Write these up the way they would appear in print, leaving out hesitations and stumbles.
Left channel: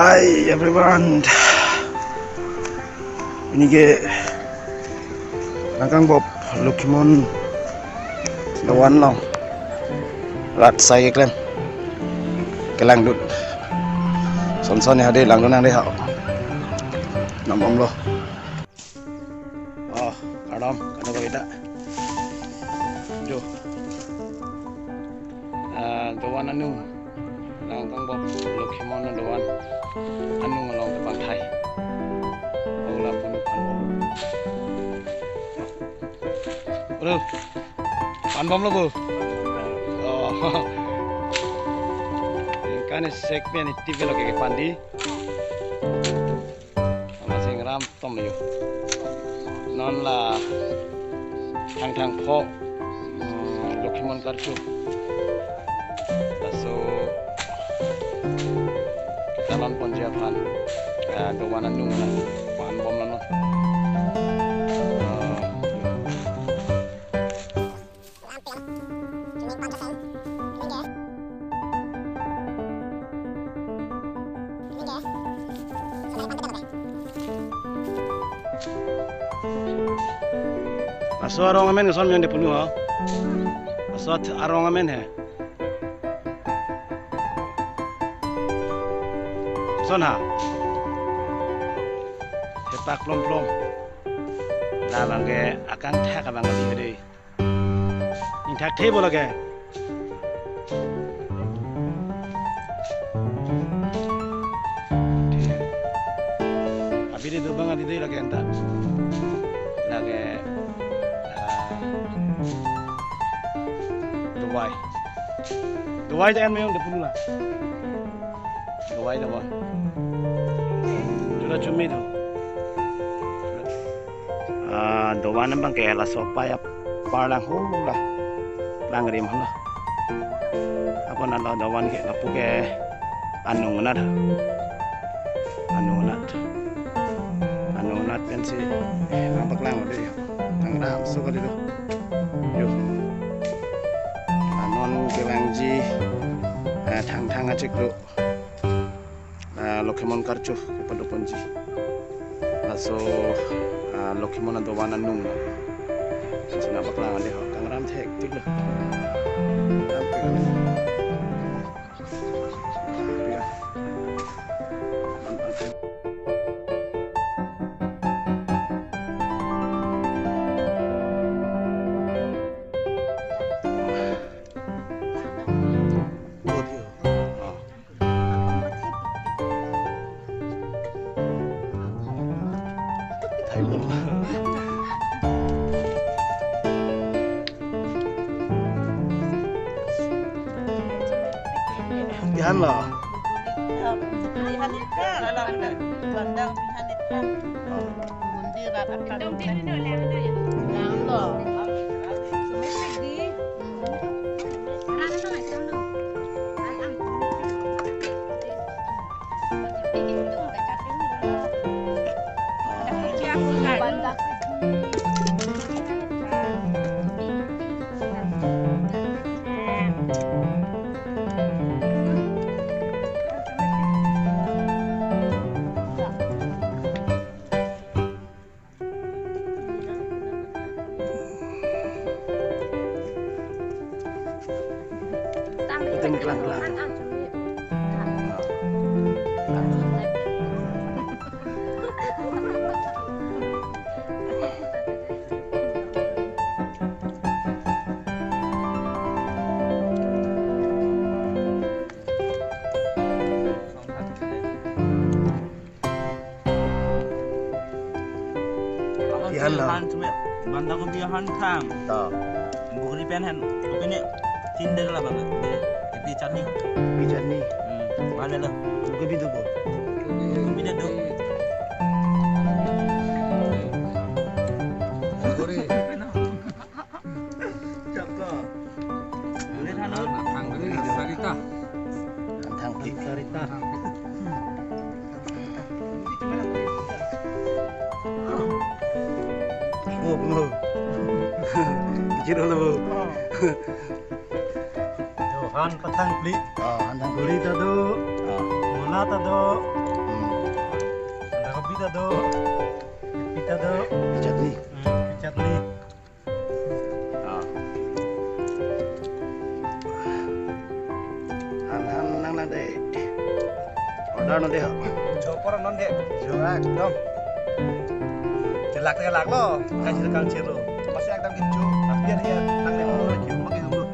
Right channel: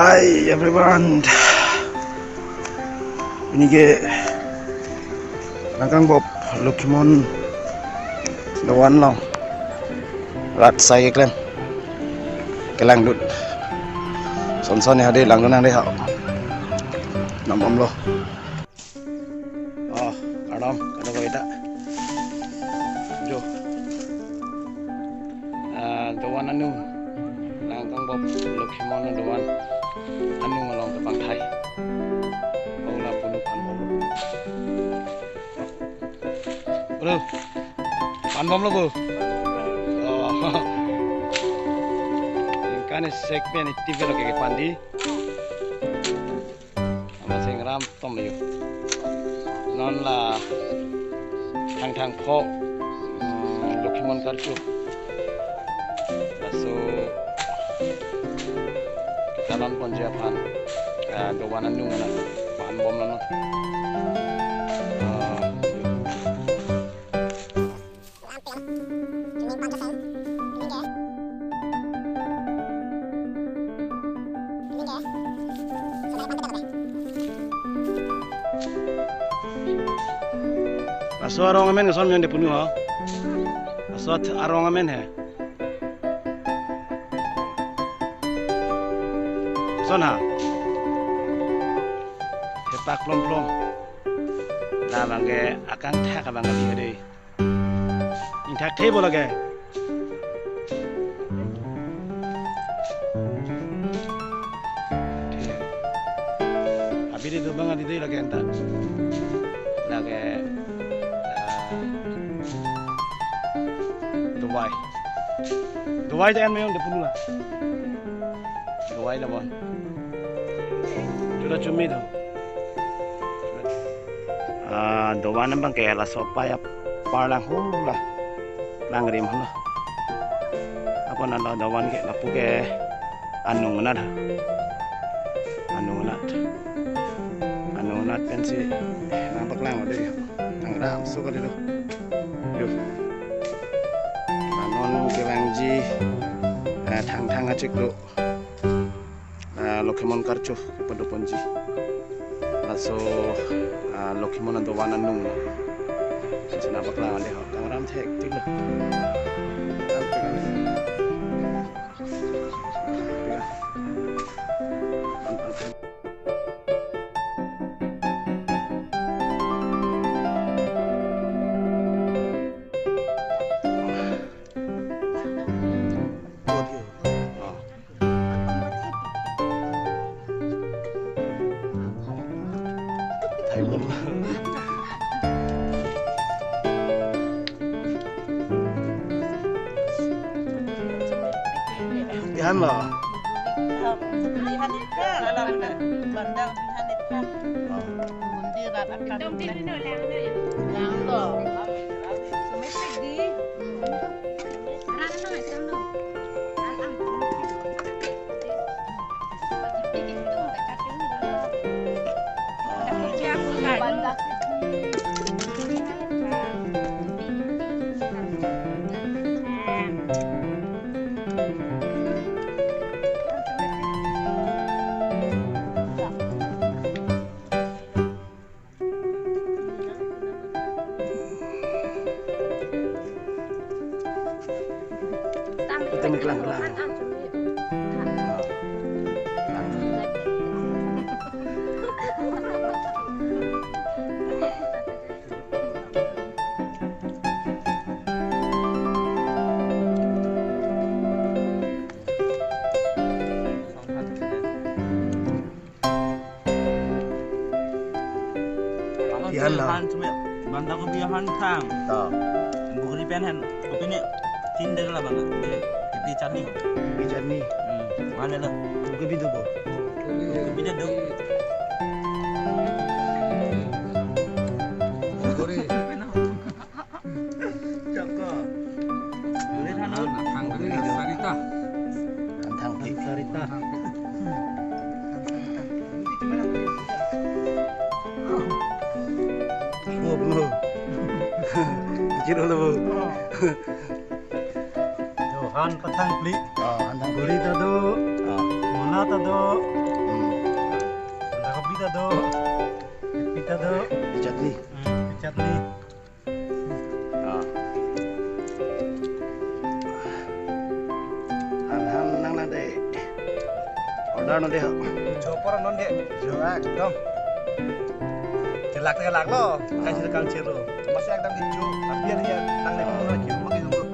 Hi everyone. Ini ke Langkang Bob Lukimon Lawan long Rat saya klan Kelang dut Son ni hadir lang nang dia Nam om lo Oh kadam kada ko ita Jo Dawan anu Langkang Bob Lukimon Dawan anu ngalong tepang Thai Ola pun pan bom Bro pan bom lo bu Oh kan sek ben TV lo ke pandi ama sing ram tom yo non la thang pho Lukimon karchu so kita non ponjapan dawanan nu ngana pan bom lan Aso arong amen son men de punu ha aso arong amen hai son ha hepak plom la bangge akang thak abang ali hede in thak the bolage abide do bang ali de lage enta lage Dubai jangan memang depunu lah. Dubai dah bon. Sudah cumi tu. Dubai nambang kaya lah sopa ya parlang hula, langrim hula. Apa nanda Dubai ke lapu ke anungat pensi nampak lang ada ya. Tangram suka dulu. Yuk. Non kelangji thang acik lo Lukimon karchu kepada ponji laso Lukimon ando wanan nung sina baklang ande ho kang ram thek tik lo ram pegan Ihan loh. Pilihan itu lah bandang pilihan itu. Mundir akan. Dong tin no lang na yun. Lang loh. Sumisig di. Ara na nga ito no. Ang Tigit ito ang kakating nila. Dapat siya kung bandang. Itu miklang. Bihan lah. Bandar ko bihan thang. Tak. Bukan pen han. Kopi ni tinder lah banget. Di chutney. Bijak ni. Mana lah? Tuku bidu bo. Kopi dah dok. Kori. Cakap. Boleh tanah. Thang sarita. Thang sarita. Oh, benar. Kira lo. Han patang pli. Hantang guri tado. Mola tado. Pita do. chutney. Chutney. Ah. Han nang na deh. Order no deh. Chopor non deh. Jo ekdom. Celak lo. Kasih kang ciro. Masih ekdom gitu. Tapi ya nang le mo lagi mo ki hum.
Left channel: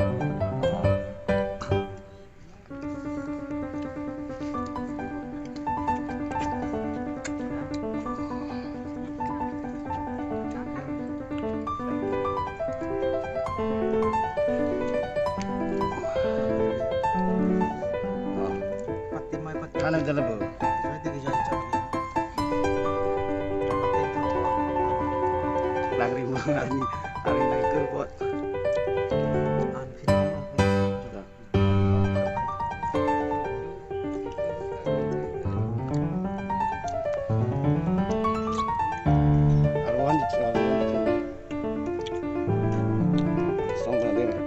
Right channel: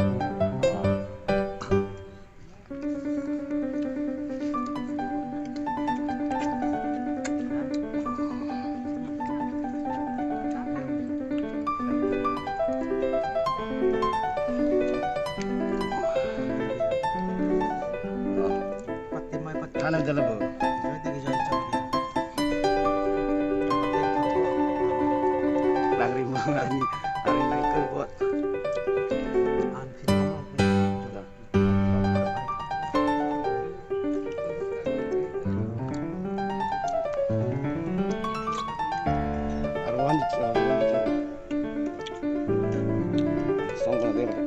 Ano dala bu? Lagri mo hari na ikurbot. Arwan, song na deh.